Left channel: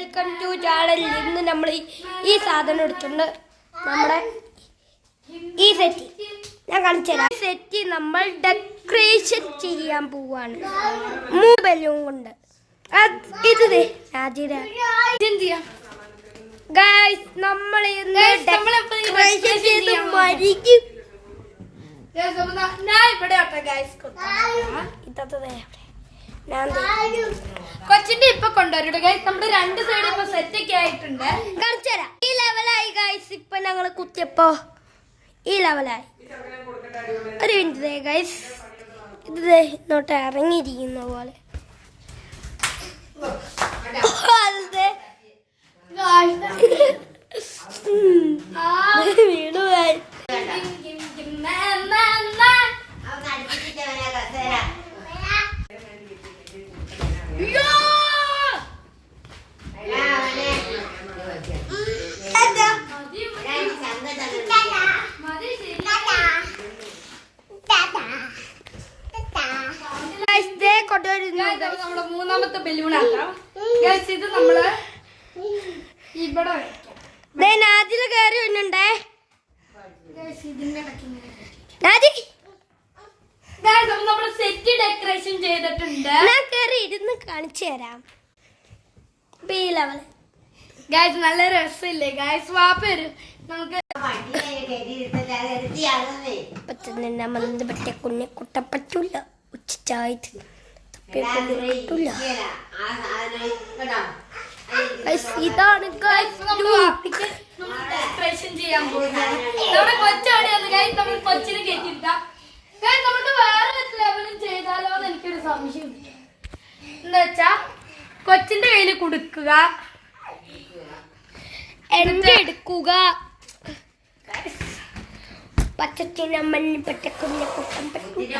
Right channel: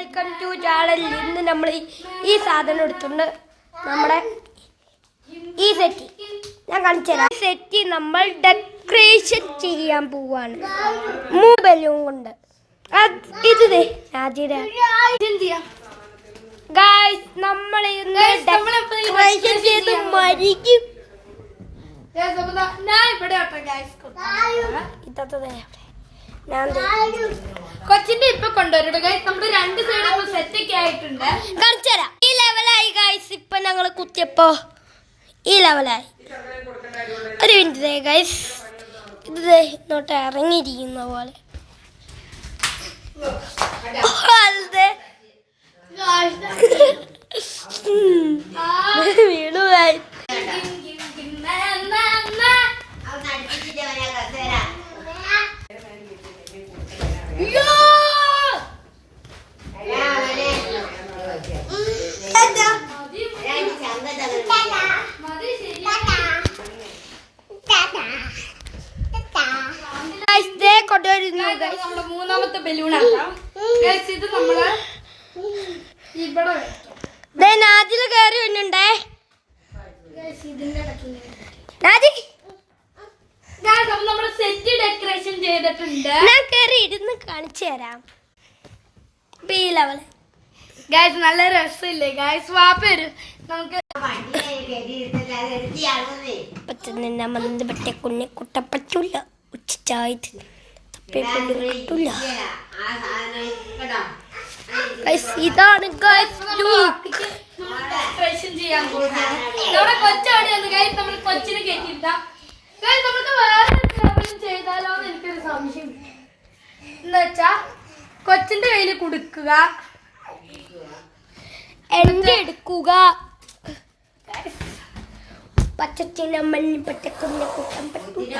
Welcome to channel. ഇന്ന് നമ്മൾ ഈ സാധനം എടുത്തിട്ടുണ്ട്. നമ്മുടെ ഈ സെറ്റ് ഞാൻ കാണിച്ചു തരാം. സെറ്റ് നമ്മൾ ഡെക്കറേഷൻ ചെയ്യാൻ പോവാണ് 3 ബലൂൺ കൊണ്ട്. ഇത് ഗൈസ് നമ്മൾ ഇന്ന് ഡെക്കറേഷൻ ചെയ്ത് മരിക്കും. കൊച്ചിന്റെ ഇപ്പൊ കൊണ്ടുവരും ഗൈസ്. നമ്മുടെ 2 സൈഡ് ഇപ്പൊ സെറ്റ് ഒക്കെ ആയിട്ടുണ്ട്. കാണിച്ചുതരാം. ഈ ലെവലായി ഗൈസ്. ഇപ്പൊ ഞങ്ങൾ കുത്തിയപ്പോ ഈ ലെവലായി. ഒരു മിനിറ്റ് ഗൈസ്. ഇത് ഇങ്ങോട്ട് ഇറങ്ങിയിരിക്കുന്ന പോലെ വീണു ഗൈസ്. നമ്മുടെ 3ാമത്തെ ബലൂൺ ആക്കാം. ഇത് നമ്മള് ഇവിടെ നാജില് കയറി വന്നുണ്ടേ. നമ്മൾ സെറ്റ് ഡെക്കറേഷൻ ചെയ്തിട്ടുണ്ട്. ഞാൻ കയറി ഇരുന്ന് കാണിച്ചു തരാം. ഗൈസ് നല്ല രസമില്ലേ ഗൈസ്? വാപ്പര് നമുക്ക് മന്ദപ്പെട്ട കുഞ്ഞെ കുട്ടപ്പറ്റൂല ഉച്ചായിട്ട് കിട്ടൂല. ഇതാണ് ഡെക്കറേഷൻ ചെയ്യാൻ പോകുന്നത്. നമ്മുടെ കൊച്ചോടെയാണ് ഗൈസ്. നമ്മൾ കൊച്ചിന് കേട്ടിട്ടാ ഗൈസ്. നമുക്ക് വേറെ ചെയ്താലോ എന്ന് എനിക്കൊരു സംശയം. എന്താ വെച്ചാ കൊച്ചിന്റെ കയ്യിൽ കൊടുക്കുക, എന്റെ എടുക്കുക. പച്ചച്ചിന മല്ലിപ്പെട്ട കുഞ്ഞെ കുട്ടം പറ്റൂല.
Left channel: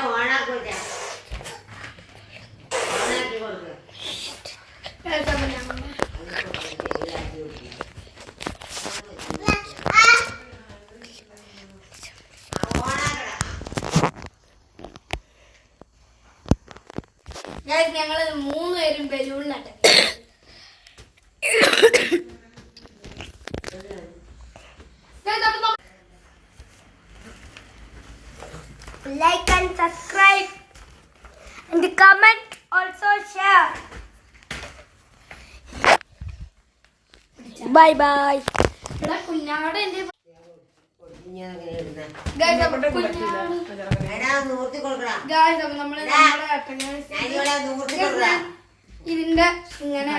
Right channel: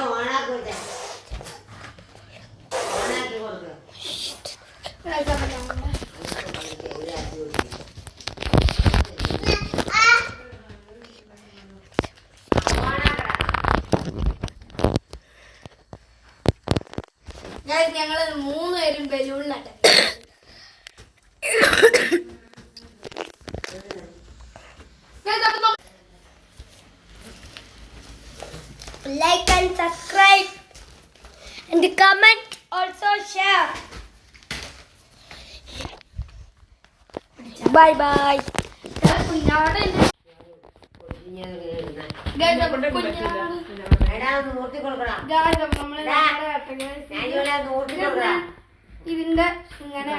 ഞങ്ങള് 3 പേരും ബലൂണിലാട്ടെ. Like and subscribe and comment, also share. Bye bye. കുഞ്ഞാടെ ഇതിന്റെ ഇങ്ങനെ